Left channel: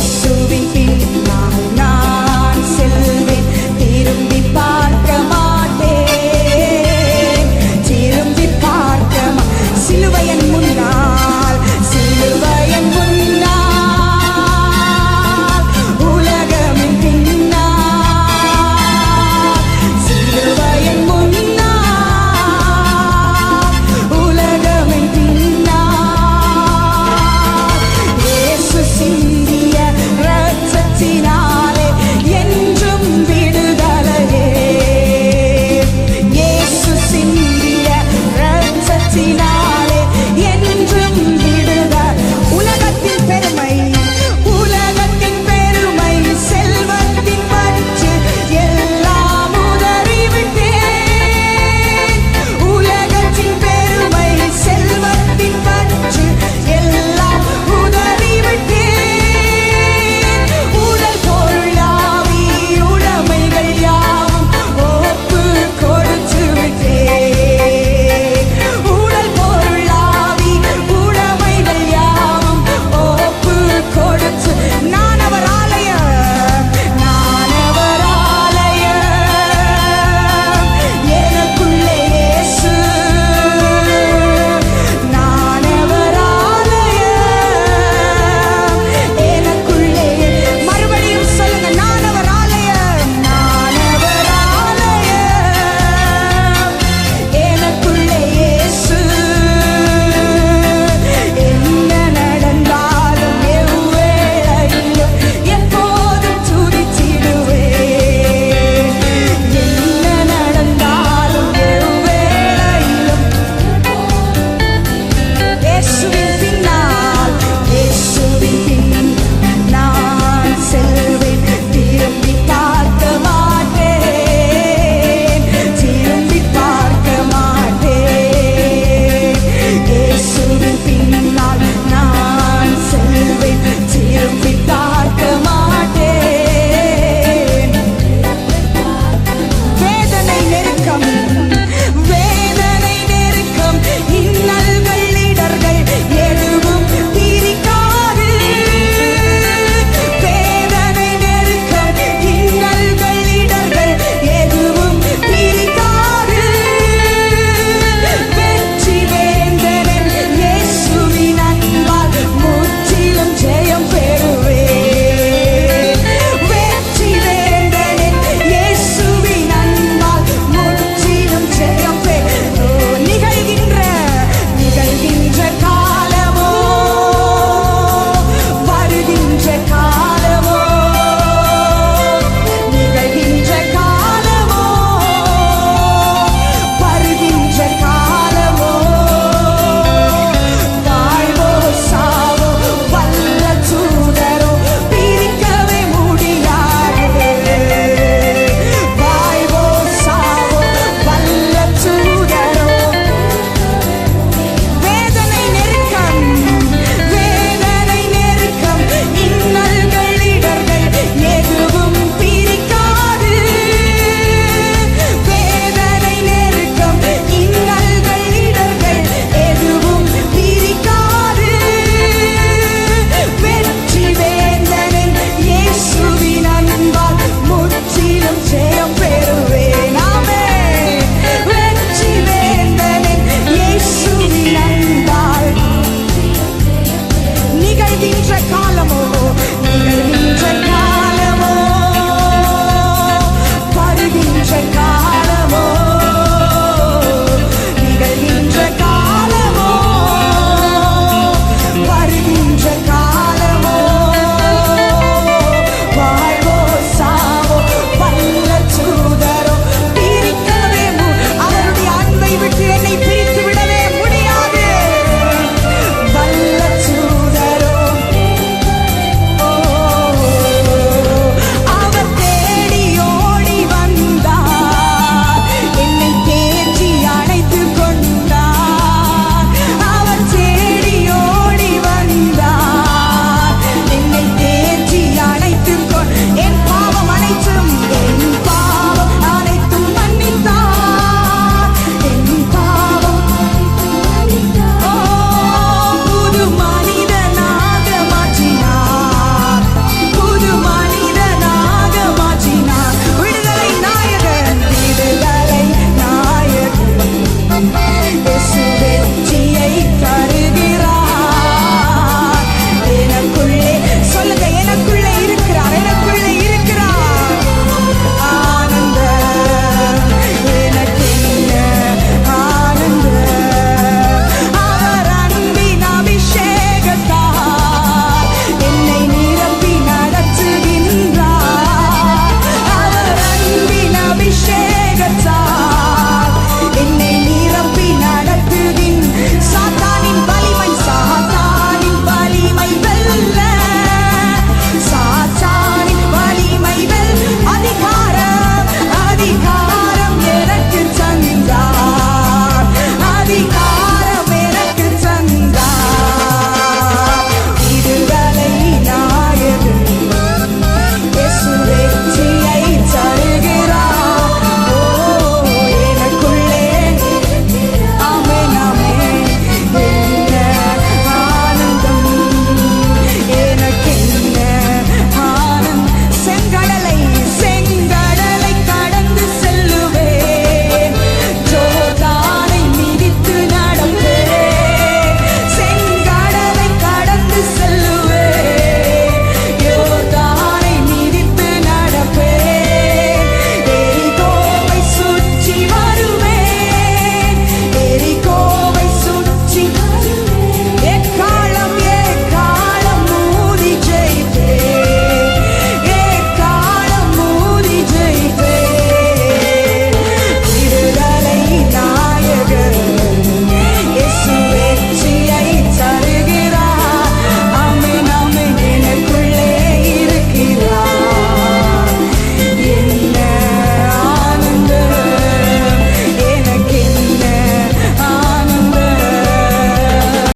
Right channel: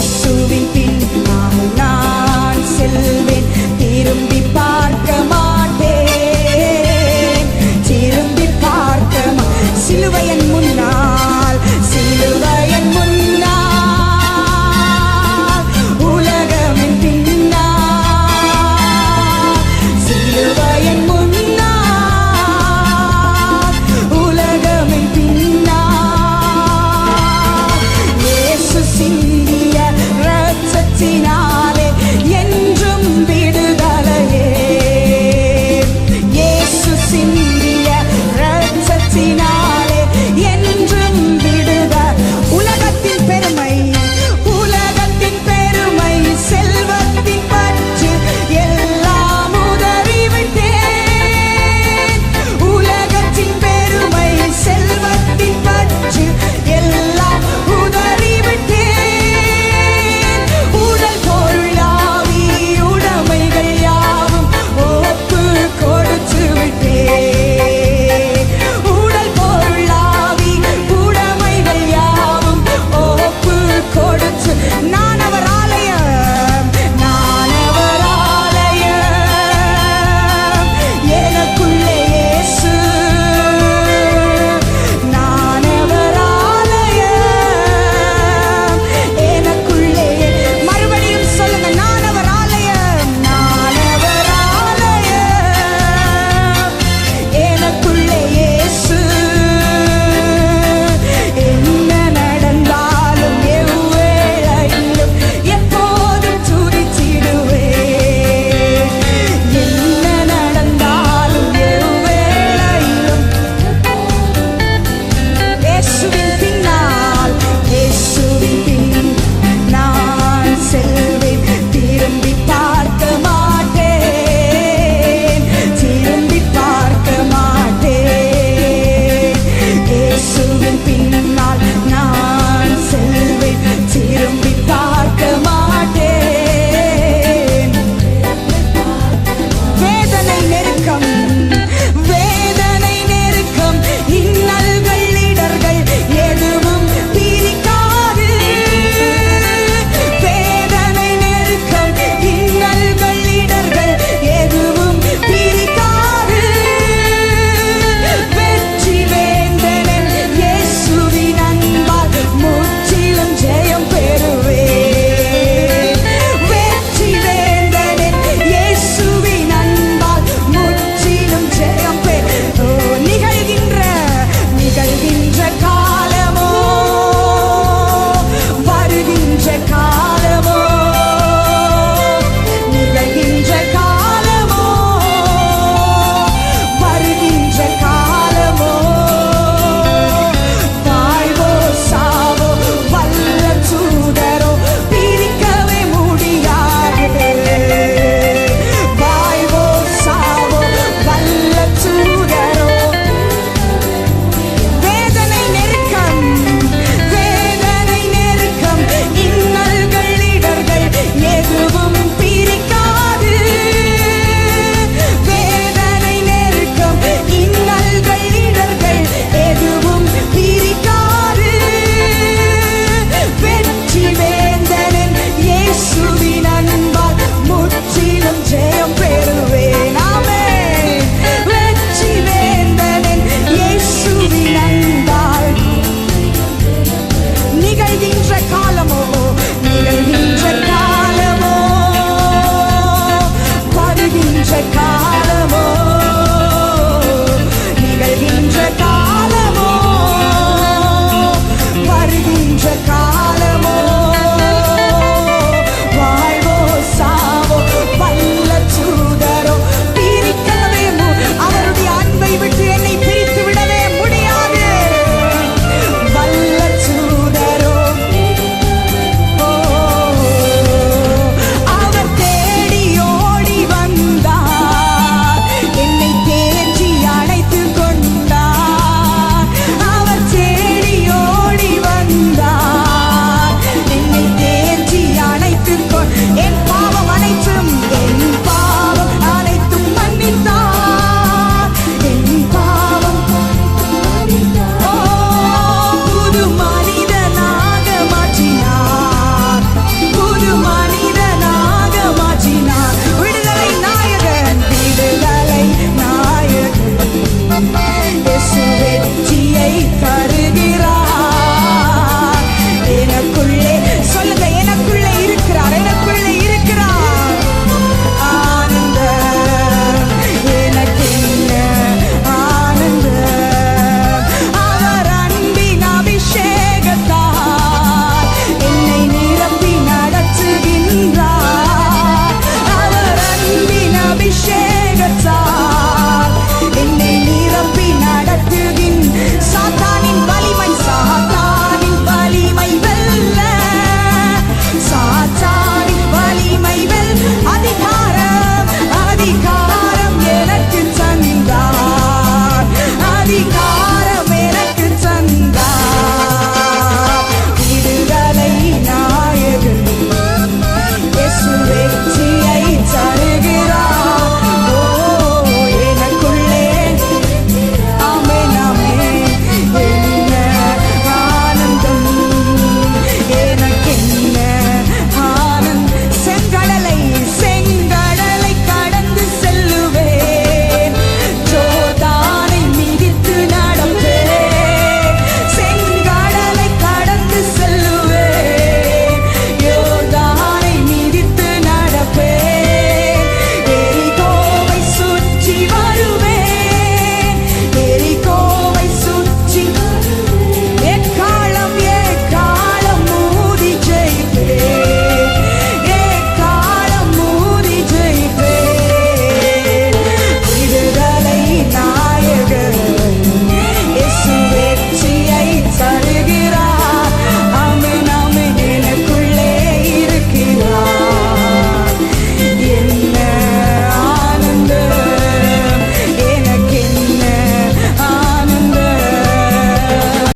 இயேசுவின் பின்னால் நான் செல்வேன், திரும்பி பார்க்க மாட்டேன், திரும்பி பார்க்க சிலுவையின் முன்னால், சிலுவையின் முன்னால், உலகமின் பின்னால், சிலுவையின் முன்னால், உலகமின் பின்னால், இயேசு சிந்திய இரத்தத்தினாலே என்றும் விடுதலையே, இயேசு சிந்திய இரத்தத்தினாலே என்றும் விடுதலை. உலகத்தின் பெருமை, உலகத்தின் பெருமை, செல்வத்தின் பற்று எல்லாம் உதறிவிட்டேன், உலகத்தின் பெருமை, செல்வத்தின் பற்று எல்லாம் உதறிவிட்டேன், உடல் பொருளாவி உடைமைகள் யாவும் ஒப்பு கொடுத்து விட்டேன், உடல் பொருளாவி உடைமைகள் யாவும் ஒப்பு கொடுத்து, நான் அவர் ஆலயம், நான் அவர் ஆலயம், எனக்குள்ளே இயேசு, நான் அவர் ஆலயம், எனக்குள்ளே. மறுபடியும் சொல்லுங்க, நான் அவர் ஆலயம், நான் அவர் ஆலயம், எனக்குள்ளே இயேசு. என்ன நடந்தாலும் எவ்வேளையிலும் எப்போதும் துதித்திடுவேன், என்ன நடந்தாலும் எவ்வேளையிலும் இயேசுவின் பின்னால், இயேசுவின் பின் நான் செல்வேன், திரும்பி பார்க்க மாட்டேன், திரும்பி பார்க்க மாட்டேன், இயேசுவின் பின்னால் நான் செல்வேன், திரும்பி பார்க்க மாட்டேன். வேதனை நெருக்கம், வேதனை நெருக்கம், இன்னல்கள் இடர்கள் எதுவும் பிரிக்காது, வேதனை நெருக்கம், இன்னல்கள் இடர்கள் எதுவும் பிரிக்காது, வெற்றி வேந்தனன் இயேசுவின் அன்பால் முற்றிலும் ஜெயம் பெறுவேன், வெற்றி வேந்தனன் இயேசுவின் அன்பால் முற்றிலும் ஜெயம் நிகழ்கின்ற காலமோ வருகின்ற காலமோ, நிகழ்கின்ற காலமோ வருகின்ற காலமோ, வாழ்வோ சாவோ வல்ல தூதரோ பிரிக்கவே முடியாது, வாழ்வோ சாவோ வல்ல தூதரோ. வேதனை நெருக்கம், வேதனை நெருக்கம், இன்னல்கள் இடர்கள் எதுவும் பிரிக்காது, வேதனை நெருக்கம், இன்னல்கள் இடர்கள் எதுவும் பிரிக்காது, வெற்றி வேந்தனன் இயேசுவின் அன்பால் முற்றிலும் ஜெயம் பெறுவேன். ஆமென். வெற்றி வேந்தனன் இயேசுவின் அன்பால். நிகழ்கின்ற காலமோ, நிகழ்கின்ற காலமோ வருகின்ற காலமோ, நிகழ்கின்ற காலமோ வருகின்ற காலமோ, வாழ்வோ சாவோ வல்ல தூதரோ பிரிக்கவே அவருடைய அன்பை விட்டு என்னை பிரித்து விடவே முடியாது, வல்ல தூதரோ. அவர் தேடி ஓடி வந்தார், என்னை தேற்றி அணைத்து கொண்டார், அவர் தேடி ஓடி வந்தார், என்னை தேற்றி அணைத்து என் பாவம் அனைத்தும், என் பாவம் அனைத்தும் மன்னித்தார், என் பாவம் அனைத்தும் மன்னித்தார். ஓ, புது மனிதனாக மாற்றினார், வெற்றியை தருகிறார். எனக்குள்ளே சொல்லுங்க, எனக்குள்ளே இருக்கிறார், எனக்குள்ளே இருக்கிறார். ஆனந்தம் எனக்கு என்ன ஆனந்தம், அவர் அன்பின் அபிஷேகத்தால் என்னை நிரப்பி நடத்துகின்றார். அவர் அன்பின் அபிஷேகத்தால் என்னை நிரப்பி நடத்துகின். சாத்தானின் வலிமை வெல்ல, சாத்தானின் வலிமை அதிகாரம் எனக்கு தந்தார், அதிகாரம் எனக்கு தந்தார். விடுதலை நாயகன் இயேசு வெற்றியை தருகிறார். ஓ எனக்குள்ளே ஆமென் ஆமென். என்ன ஆனந்தம், எனக்கென்ன ஆனந்தம். செங்கடலை